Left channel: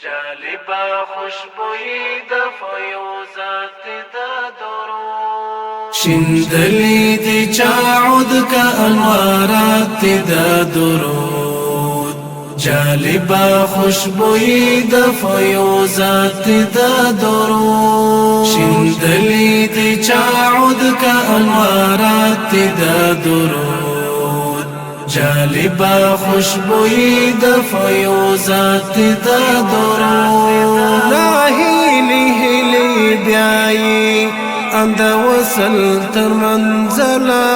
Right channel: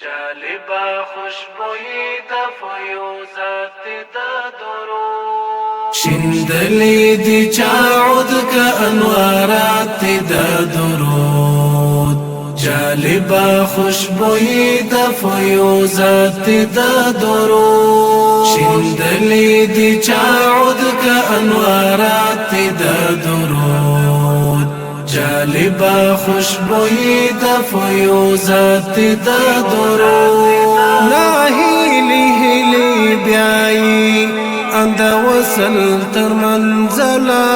جالبا خوشبوئی دا فیوزات دا درود شندلی دی چاعود کا انوارات دا درود جالبا خوشبوئی دا فیوزات دا درود شندلی دی چاعود کا انوارات دا درود جالبا خوشبوئی دا فیوزات دا درود لا هیلی هیلی بیائی اند وصل تر منزلا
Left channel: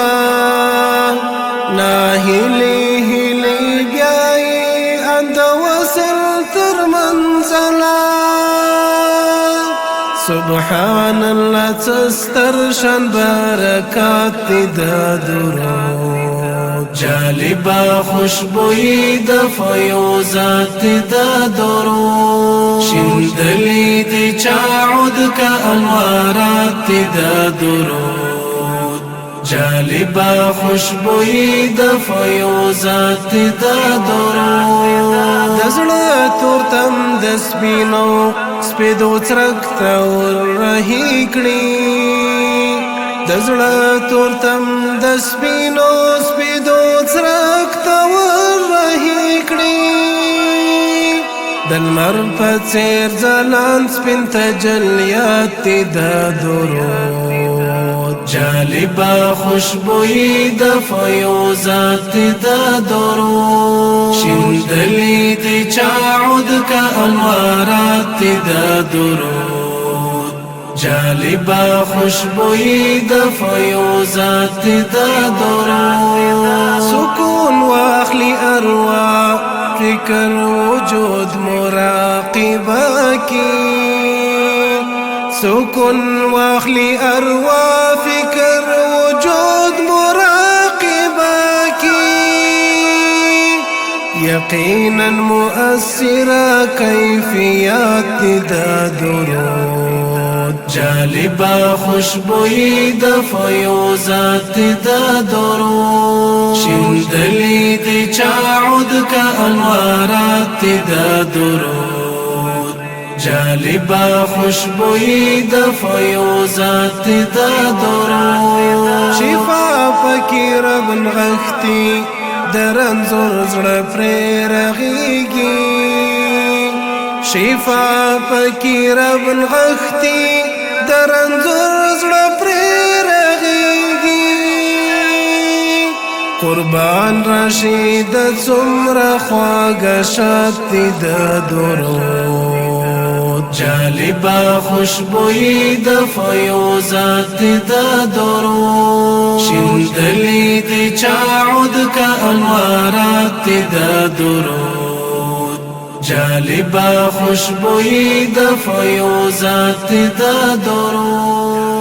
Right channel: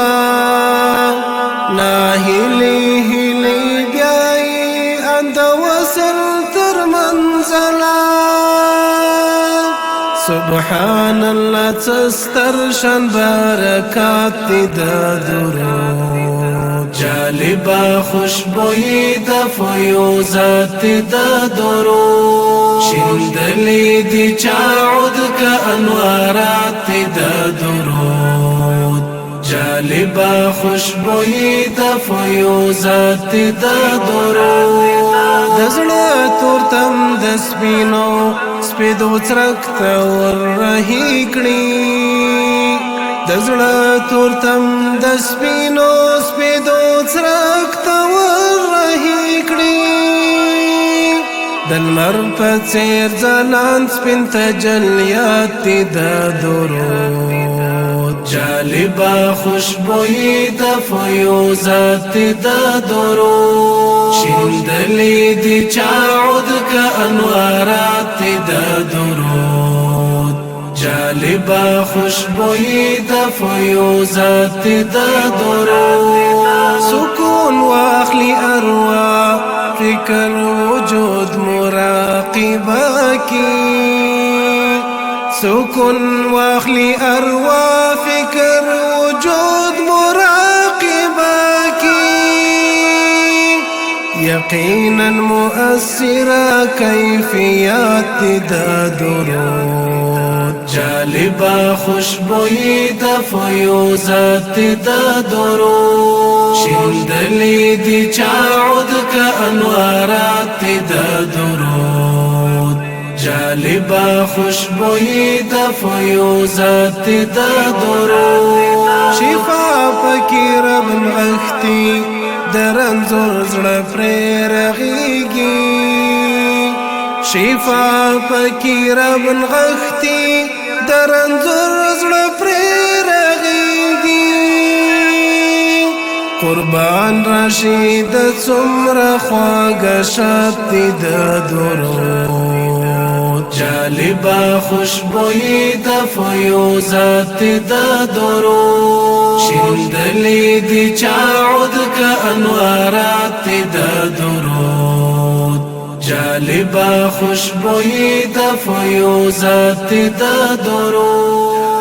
لا هیلی هیلی بیائی اند وصل تر منزلا سبحان الله تسترشن برکات دا درود جالبا خوشبوئی دا فیوزات دا درود شندلی دی چاعود کا انوارات دا درود جالبا خوشبوئی دا فیوزات دا درود دزړه تورتم د سپینو سپیدو ترک تور رهی کړي دزړه تورتم د سپینو سپیدو ترک تور رهی کړي دلمر په څیر ځلان سپین تجلیات د درود جالبا خوشبوئی دا فیوزات دا درود شندلی دی چاعود کا انوارات دا درود جالبا خوشبوئی دا فیوزات دا درود سکون واخلی ارواح فکر وجود مراقبہ کی سکون واخلی ارواح فکر وجود مراقبہ کی یقینا مؤثرہ کیفیات دا درود جالبا خوشبوئی دا فیوزات دا درود شندلی دی چاعود کا انوارات دا درود جالبا خوشبوئی دا فیوزات دا درود شفا فکی رب نغختی درنزور زړه پرې رغیږي شفا فکی رب نغختی درنزور زړه پرې رغیږي قربان رشید څومره خواږه شات د درود جالبا خوشبوئی دا فیوزات دا درود شندلی دی چاعود کا انوارات دا درود جالبا خوشبوئی دا فیوزات دا درود